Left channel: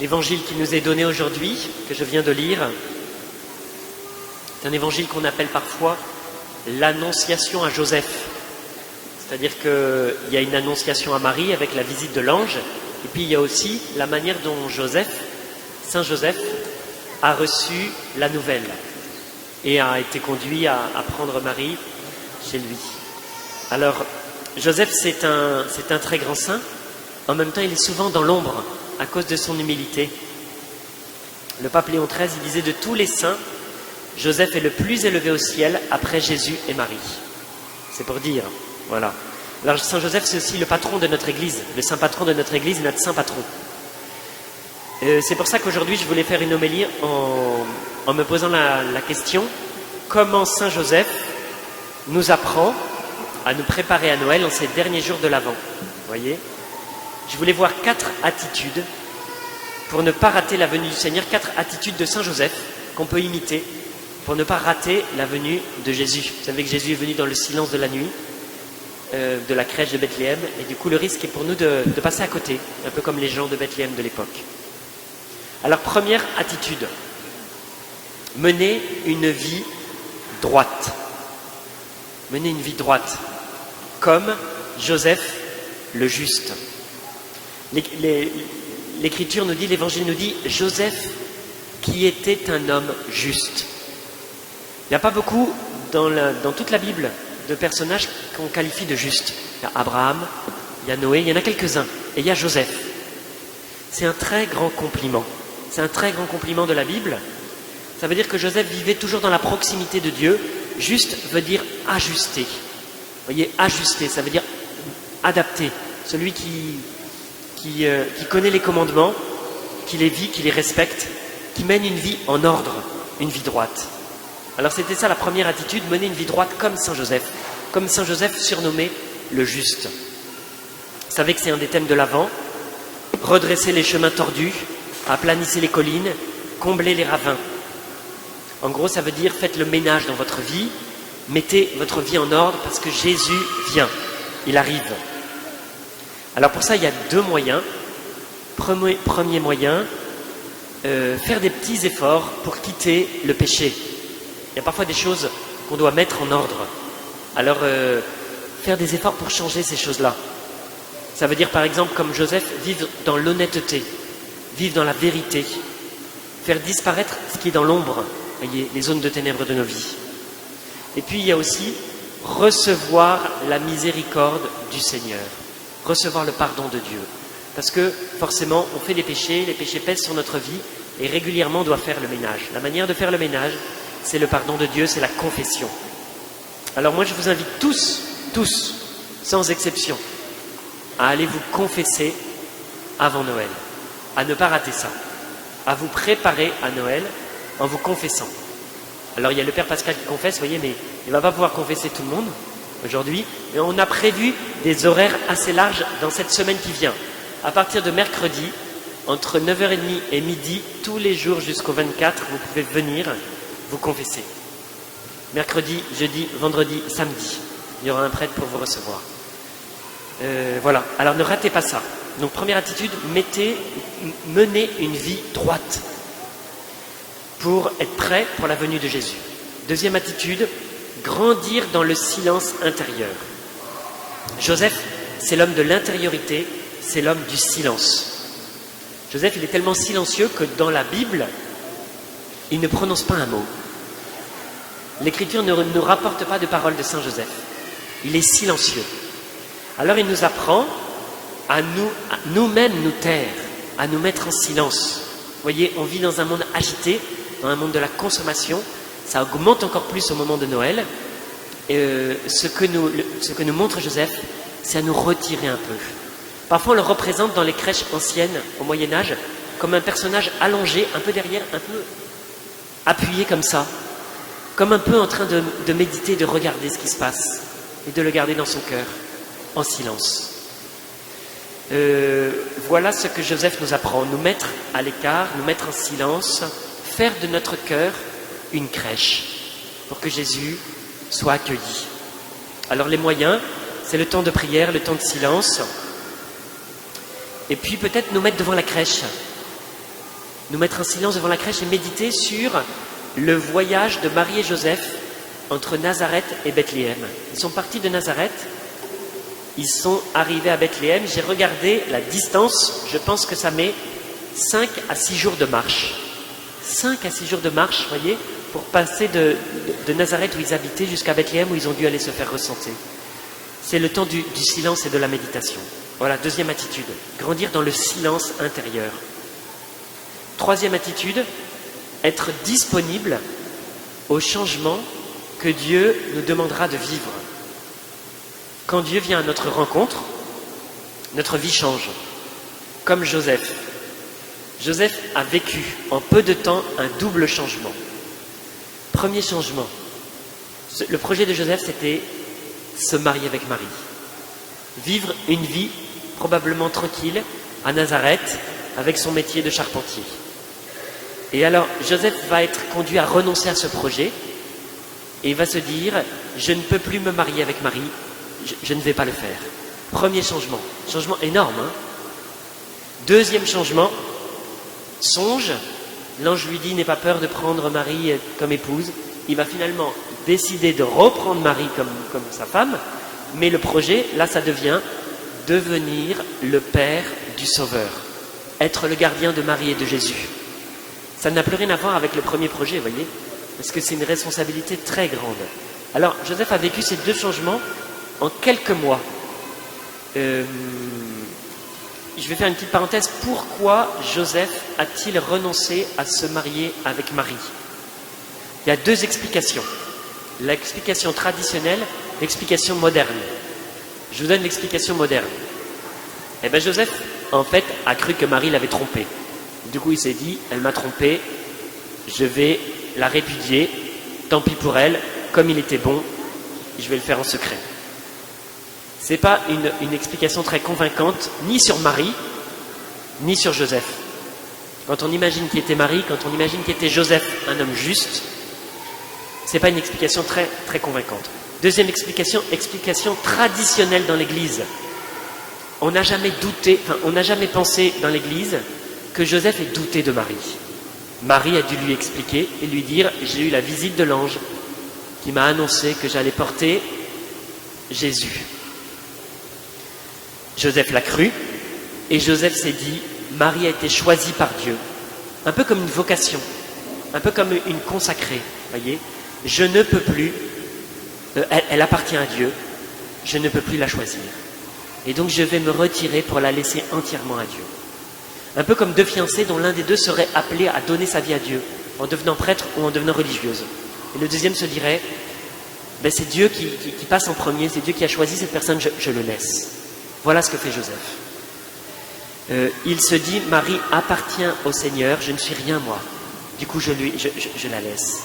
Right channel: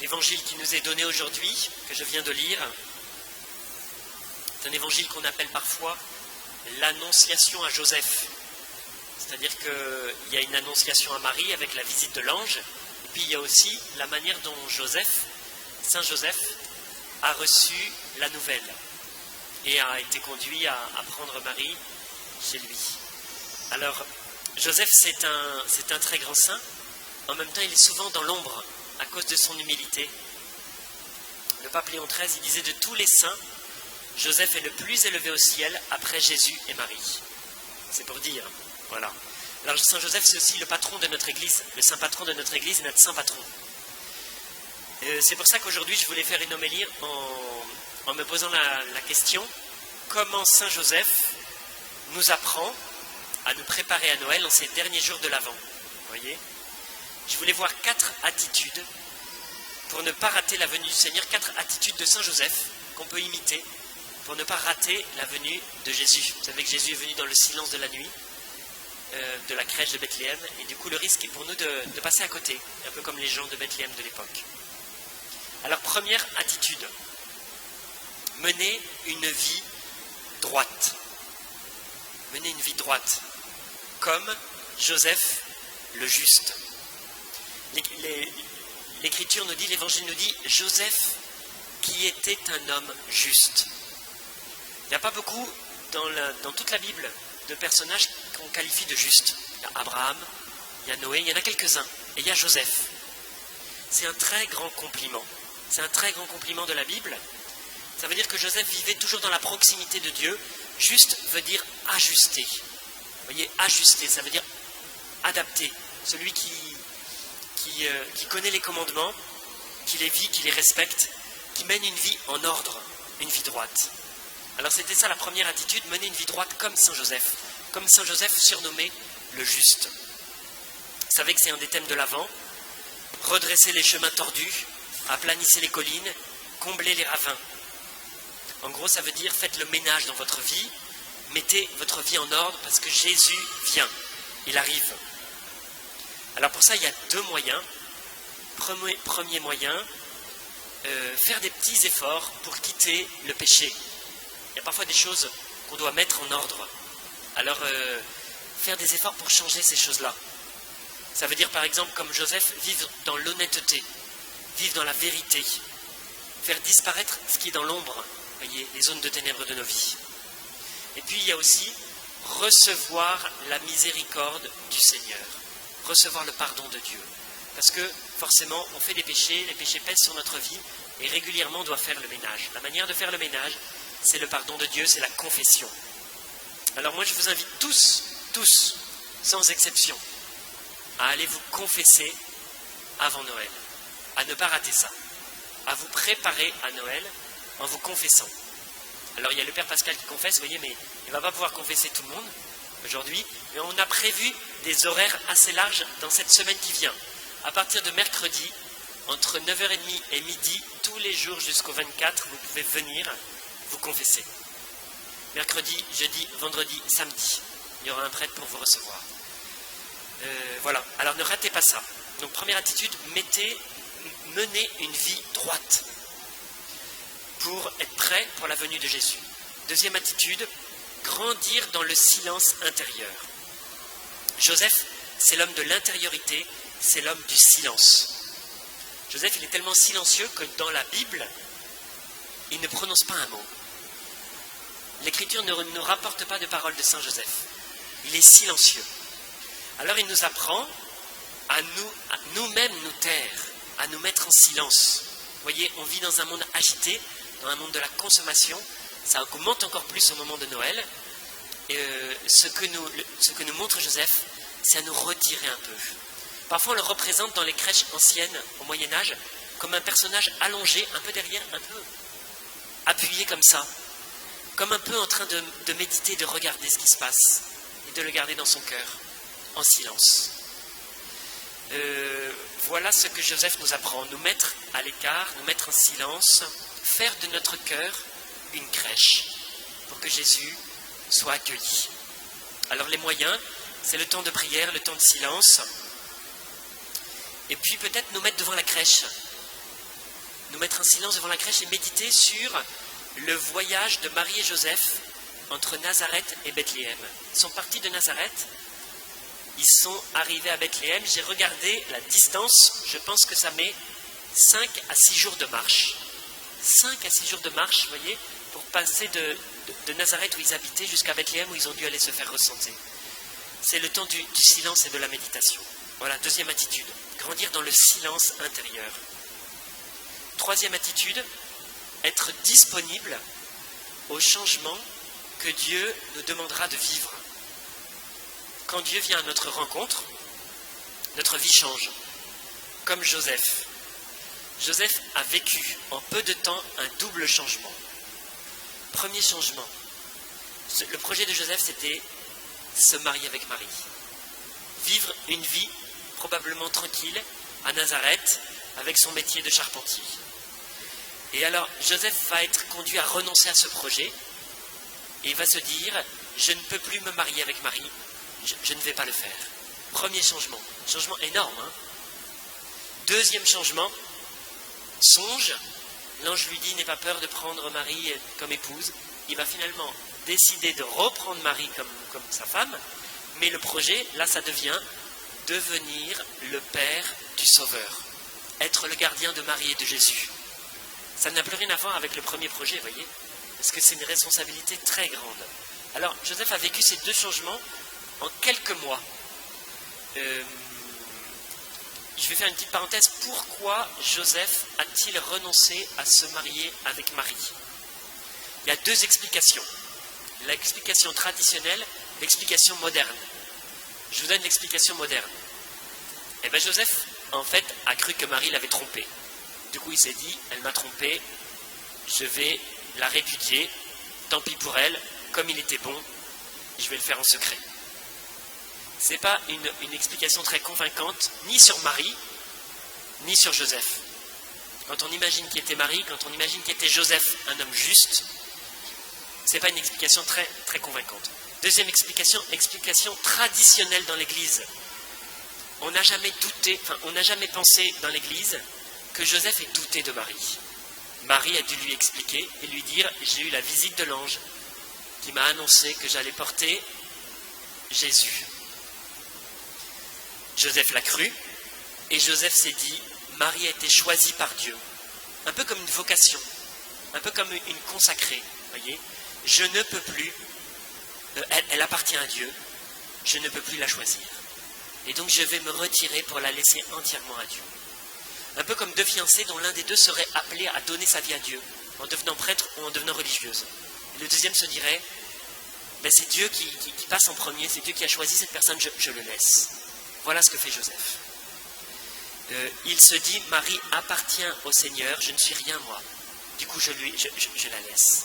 L'évangile qui nous est donné aujourd'hui, que je viens de lire, c'est un évangile qu'on appelle parfois l'annonciation à Joseph. C'est-à-dire qu'il y a une annonciation à Marie avec la visite de l'ange, et puis il y a aussi la manière dont Saint Joseph, a reçu la nouvelle et a été conduit à prendre Marie chez lui. Alors, Joseph, c'est un très grand saint. En même temps, il est souvent dans l'ombre à cause de son humilité. Le pape Léon XIII, il disait de tous les saints, Joseph est le plus élevé au ciel après Jésus et Marie. C'est pour dire, voilà. Alors Saint Joseph, c'est aussi le patron de notre Église, le saint patron de notre Église et notre saint patron. C'est pour ça qu'aujourd'hui, je voulais faire une homélie en me posant la question, comment Saint Joseph nous apprend à nous préparer à Noël en ces derniers jours de l'Avent. Vous voyez ? Je voulais voir 4 attitudes pour ne pas rater la venue du Seigneur, 4 attitudes de Saint Joseph qu'on peut imiter pour ne pas rater la venue de Jésus. Vous savez que Jésus est venu dans le silence de la nuit, de la crèche de Bethléem, et du coup le risque est pour nous de passer à côté, un peu comme les gens de Bethléem de l'époque. Alors première attitude, mener une vie droite. Mener une vie droite, comme Joseph le juste. L'Écriture nous dit, l'Évangile nous dit, Joseph qui était un homme juste. Il n'y a pas beaucoup dans toute la Bible de personnages qu'on qualifie de justes. Il y a Abraham, il y a Noé, il y en a quelques-uns, et il y a Joseph. C'est un très grand compliment. C'est un très grand compliment de la Bible. Ça veut dire que Joseph vivait toujours dans la proximité de Dieu. Juste veut dire ajusté. Vous voyez, ajusté, ça veut dire adapté. Celui qui connaît les commandements, qui les vit, qui les respecte, qui mène une vie en ordre, une vie droite. Alors c'était ça la première attitude, mener une vie droite comme Saint Joseph surnommé le juste. Vous savez que c'est un des thèmes de l'Avent, redresser les chemins tordus, aplanissez les collines, combler les ravins. En gros, ça veut dire faites le ménage dans votre vie, mettez votre vie en ordre parce que Jésus vient, il arrive. Alors pour ça, il y a 2 moyens. Premier moyen, faire des petits efforts pour quitter le péché. Il y a parfois des choses qu'on doit mettre en ordre. Alors, faire des efforts pour changer ces choses-là. Ça veut dire par exemple, comme Joseph, vivre dans l'honnêteté, vivre dans la vérité, faire disparaître ce qui est dans l'ombre, voyez, les zones de ténèbres de nos vies. Et puis il y a aussi recevoir la miséricorde du Seigneur, recevoir le pardon de Dieu. Parce que forcément, on fait des péchés, les péchés pèsent sur notre vie et régulièrement on doit faire le ménage. La manière de faire le ménage, c'est le pardon de Dieu, c'est la confession. Alors moi je vous invite tous, sans exception, à aller vous confesser avant Noël, à ne pas rater ça, à vous préparer à Noël en vous confessant. Alors il y a le Père Pascal qui confesse, vous voyez, mais il ne va pas pouvoir confesser tout le monde aujourd'hui, mais on a prévu des horaires assez larges dans cette semaine qui vient. À partir de mercredi, entre 9h30 et midi, tous les jours jusqu'au 24, vous pouvez venir vous confesser. Mercredi, jeudi, vendredi, samedi, il y aura un prêtre pour vous recevoir. Voilà, alors ne ratez pas ça. Donc première attitude, menez une vie droite pour être prêt pour la venue de Jésus. Deuxième attitude, grandir dans le silence intérieur. Joseph, c'est l'homme de l'intériorité, c'est l'homme du silence. Joseph, il est tellement silencieux que dans la Bible, il ne prononce pas un mot. L'Écriture ne nous rapporte pas de paroles de Saint Joseph. Il est silencieux. Alors il nous apprend à nous-mêmes nous taire, à nous mettre en silence. Vous voyez, on vit dans un monde agité, dans un monde de la consommation, ça augmente encore plus au moment de Noël. Ce que nous montre Joseph, c'est à nous retirer un peu. Parfois on le représente dans les crèches anciennes, au Moyen-Âge, comme un personnage allongé, un peu derrière, un peu appuyé comme ça, comme un peu en train de méditer, de regarder ce qui se passe, et de le garder dans son cœur, en silence. Voilà ce que Joseph nous apprend, nous mettre à l'écart, nous mettre en silence, faire de notre cœur une crèche pour que Jésus soit accueilli. Alors les moyens, c'est le temps de prière, le temps de silence, et puis peut-être nous mettre devant la crèche. nous mettre en silence devant la crèche et méditer sur le voyage de Marie et Joseph entre Nazareth et Bethléem. Ils sont partis de Nazareth, ils sont arrivés à Bethléem. J'ai regardé la distance, je pense que ça met 5 à 6 jours de marche. 5 à 6 jours de marche, vous voyez, pour passer de Nazareth où ils habitaient jusqu'à Bethléem où ils ont dû aller se faire ressentir. C'est le temps du silence et de la méditation. Voilà, deuxième attitude, grandir dans le silence intérieur. Troisième attitude, être disponible au changement que Dieu nous demandera de vivre. Quand Dieu vient à notre rencontre, notre vie change. Comme Joseph. Joseph a vécu en peu de temps un double changement. Premier changement, le projet de Joseph, c'était se marier avec Marie. Vivre une vie probablement tranquille à Nazareth avec son métier de charpentier. Et alors, Joseph va être conduit à renoncer à ce projet et il va se dire, je ne peux plus me marier avec Marie, je ne vais pas le faire. Premier changement énorme. Hein. Deuxième changement, songe, l'ange lui dit, n'aie pas peur de prendre Marie comme épouse. Il va finalement décider de reprendre Marie comme sa femme, mais le projet, là, ça devient devenir le père du Sauveur, être le gardien de Marie et de Jésus. Ça n'a plus rien à voir avec le premier projet, vous voyez, parce que c'est une responsabilité très grande. Alors, Joseph a vécu ces deux changements en quelques mois. Je vais faire une petite parenthèse. Pourquoi Joseph a-t-il renoncé à se marier avec Marie? Il y a deux explications. L'explication traditionnelle, l'explication moderne. Je vous donne l'explication moderne. Eh bien, Joseph, en fait, a cru que Marie l'avait trompé. Du coup, il s'est dit, elle m'a trompé, je vais la répudier, tant pis pour elle, comme il était bon, je vais le faire en secret. Ce n'est pas une explication très convaincante, ni sur Marie, ni sur Joseph. Quand on imagine qui était Marie, quand on imagine qui était Joseph, un homme juste, ce n'est pas une explication très, très convaincante. Deuxième explication traditionnelle dans l'Église. On n'a jamais pensé dans l'Église que Joseph ait douté de Marie. Marie a dû lui expliquer et lui dire, j'ai eu la visite de l'ange qui m'a annoncé que j'allais porter Jésus. Joseph l'a cru et Joseph s'est dit, Marie a été choisie par Dieu, un peu comme une vocation, un peu comme une consacrée, voyez. Je ne peux plus, elle appartient à Dieu, je ne peux plus la choisir. Et donc je vais me retirer pour la laisser entièrement à Dieu. Un peu comme deux fiancés dont l'un des deux serait appelé à donner sa vie à Dieu, en devenant prêtre ou en devenant religieuse. Et le deuxième se dirait, c'est Dieu qui passe en premier, c'est Dieu qui a choisi cette personne, je le laisse. Voilà ce que fait Joseph. Il se dit, Marie appartient au Seigneur, je ne suis rien moi. Du coup, je la laisse.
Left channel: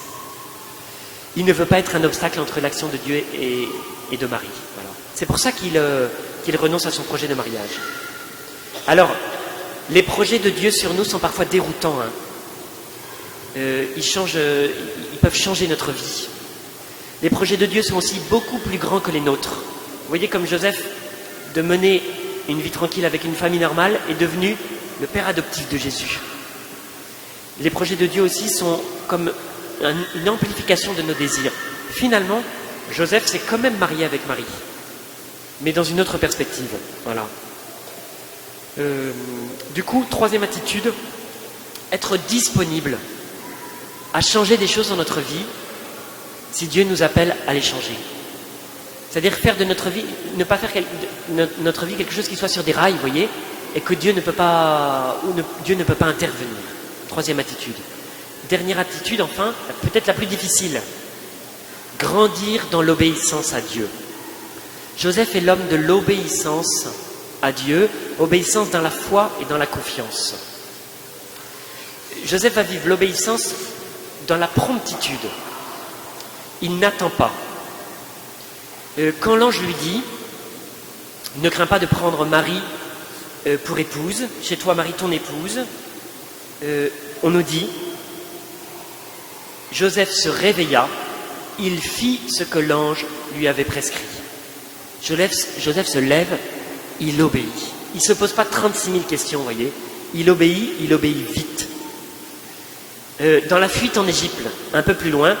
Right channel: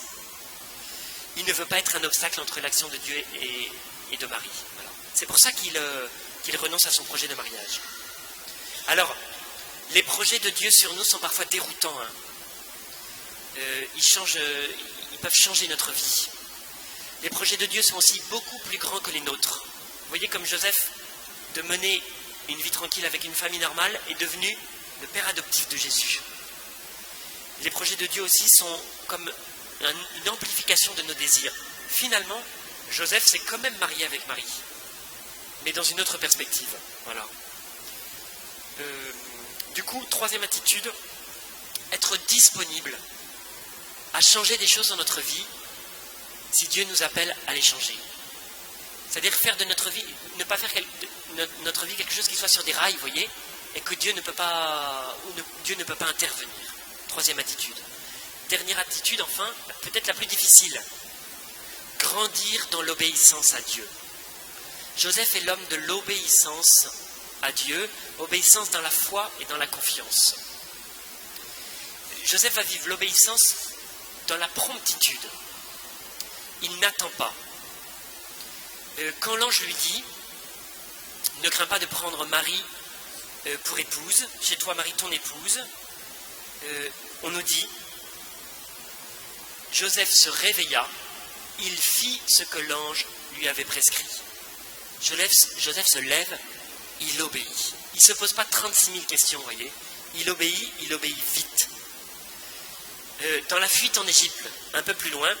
Il ne veut pas être un obstacle entre l'action de Dieu et de Marie. Voilà. C'est pour ça qu'il renonce à son projet de mariage. Alors, les projets de Dieu sur nous sont parfois déroutants. Hein. Ils peuvent changer notre vie. Les projets de Dieu sont aussi beaucoup plus grands que les nôtres. Vous voyez, comme Joseph, de mener une vie tranquille avec une famille normale, est devenu le père adoptif de Jésus. Les projets de Dieu aussi sont comme une amplification de nos désirs. Finalement, Joseph s'est quand même marié avec Marie, mais dans une autre perspective. Voilà. Du coup, troisième attitude, être disponible à changer des choses dans notre vie si Dieu nous appelle à les changer. C'est-à-dire faire de notre vie, ne pas faire notre vie quelque chose qui soit sur des rails, vous voyez, et que Dieu ne peut pas intervenir. Troisième attitude. Dernière attitude, enfin, peut-être la plus difficile, grandir dans l'obéissance à Dieu. Joseph est l'homme de l'obéissance à Dieu, obéissance dans la foi et dans la confiance. Joseph va vivre l'obéissance dans la promptitude. Il n'attend pas. Quand l'ange lui dit « Ne crains pas de prendre Marie pour épouse, chez toi Marie ton épouse », on nous dit « Joseph se réveilla, il fit ce que l'ange lui avait prescrit. » Joseph se lève, il obéit. Il ne se pose pas 36 000 questions, vous voyez. Il obéit vite. Dans la fuite en Égypte, un peu plus loin,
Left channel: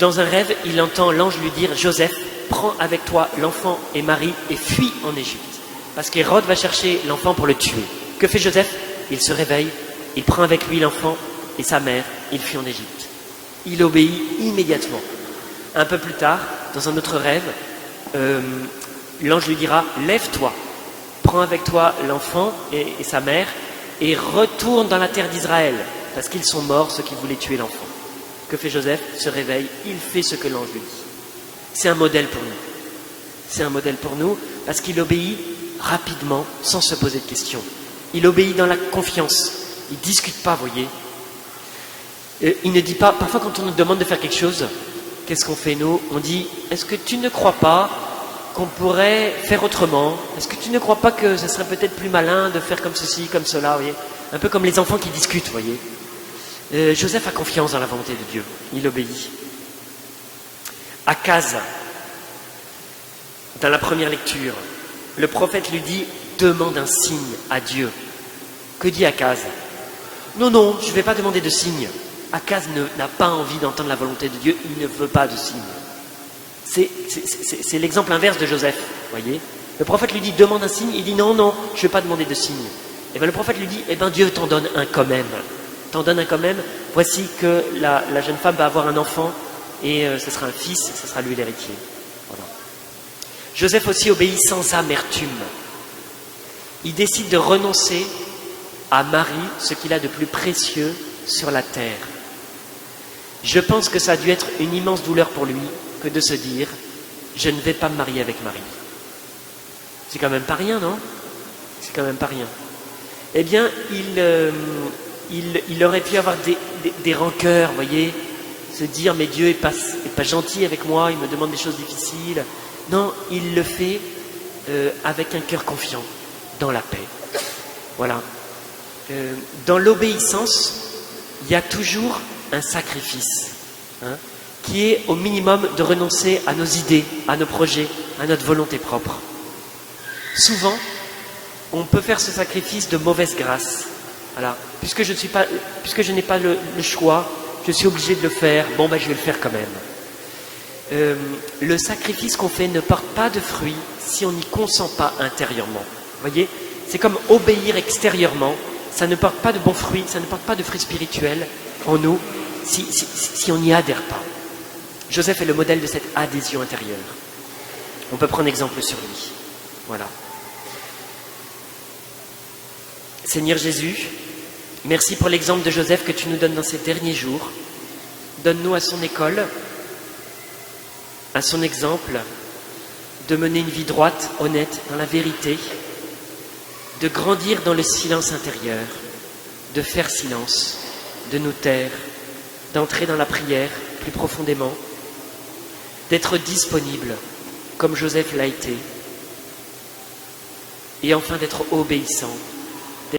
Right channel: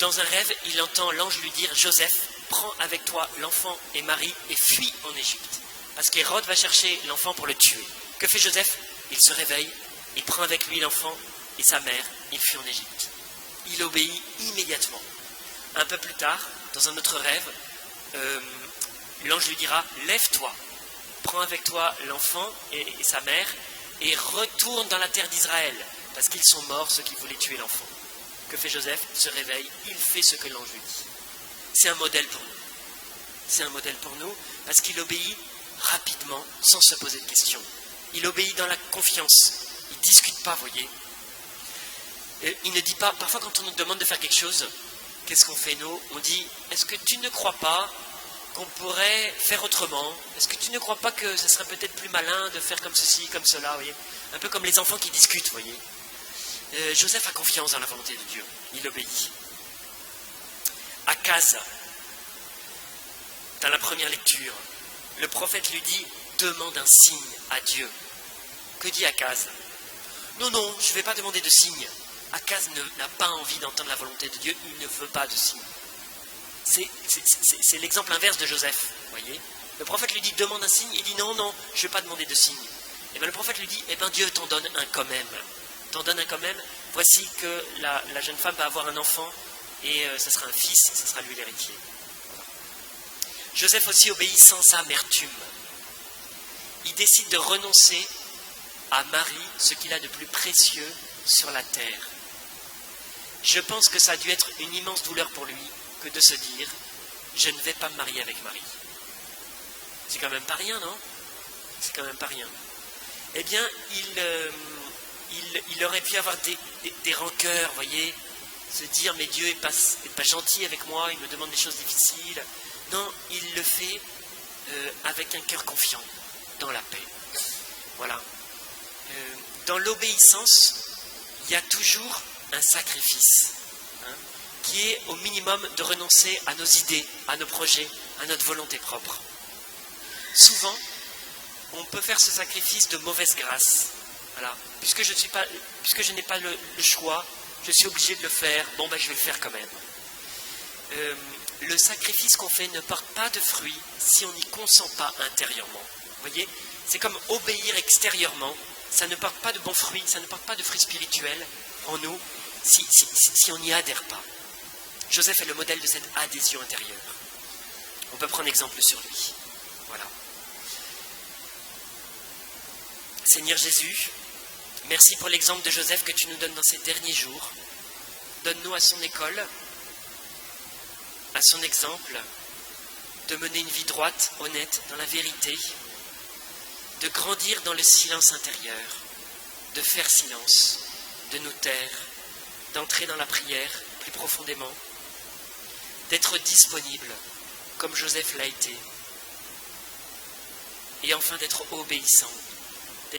dans un rêve, il entend l'ange lui dire « Joseph, prends avec toi l'enfant et Marie et fuis en Égypte. » Parce qu'Hérode va chercher l'enfant pour le tuer. Que fait Joseph? Il se réveille, il prend avec lui l'enfant et sa mère, il fuit en Égypte. Il obéit immédiatement. Un peu plus tard, dans un autre rêve, l'ange lui dira « Lève-toi, prends avec toi l'enfant et sa mère et retourne dans la terre d'Israël. » Parce qu'ils sont morts, ceux qui voulaient tuer l'enfant. Que fait Joseph? Se réveille, il fait ce que l'ange lui dit. C'est un modèle pour nous. C'est un modèle pour nous parce qu'il obéit rapidement, sans se poser de questions. Il obéit dans la confiance. Il ne discute pas, voyez. Il ne dit pas, parfois quand on nous demande de faire quelque chose, qu'est-ce qu'on fait nous? On dit, est-ce que tu ne crois pas qu'on pourrait faire autrement? Est-ce que tu ne crois pas que ce serait peut-être plus malin de faire comme ceci, comme cela, voyez? Un peu comme les enfants qui discutent, voyez. Joseph a confiance dans la volonté de Dieu, il obéit. Akaz, dans la première lecture, le prophète lui dit « Demande un signe à Dieu ». Que dit Akaz? Non, non, je ne vais pas demander de signe. Akaz n'a pas envie d'entendre la volonté de Dieu, il ne veut pas de signe. C'est l'exemple inverse de Joseph, voyez. Le prophète lui dit « Demande un signe », il dit « Non, non, je ne vais pas demander de signe ». Et bien le prophète lui dit « Eh bien Dieu t'en donne un quand même ». T'en donne un quand même, voici que la jeune femme va avoir un enfant et ce sera un fils, ce sera lui l'héritier. Voilà. Joseph aussi obéit sans amertume. Il décide de renoncer à Marie, ce qu'il a de plus précieux sur la terre. Je pense que ça a dû être une immense douleur pour lui que de se dire « Je ne vais pas me marier avec Marie ». C'est quand même pas rien, non? C'est quand même pas rien. Eh bien, il aurait pu avoir des rancœurs, voyez, se dire mais Dieu est pas gentil avec moi, il me demande des choses difficiles. Non, il le fait avec un cœur confiant, dans la paix. Voilà. Dans l'obéissance, il y a toujours un sacrifice, hein, qui est au minimum de renoncer à nos idées, à nos projets, à notre volonté propre. Souvent, on peut faire ce sacrifice de mauvaise grâce. Voilà. Puisque je n'ai pas le choix, je suis obligé de le faire, bon ben je vais le faire quand même. Le sacrifice qu'on fait ne porte pas de fruits si on n'y consent pas intérieurement. Vous voyez, c'est comme obéir extérieurement, ça ne porte pas de bons fruits, ça ne porte pas de fruits spirituels en nous si on n'y adhère pas. Joseph est le modèle de cette adhésion intérieure. On peut prendre exemple sur lui. Voilà. Seigneur Jésus, merci pour l'exemple de Joseph que tu nous donnes dans ces derniers jours. Donne-nous à son école, à son exemple, de mener une vie droite, honnête, dans la vérité, de grandir dans le silence intérieur, de faire silence, de nous taire, d'entrer dans la prière plus profondément, d'être disponible comme Joseph l'a été, et enfin d'être obéissant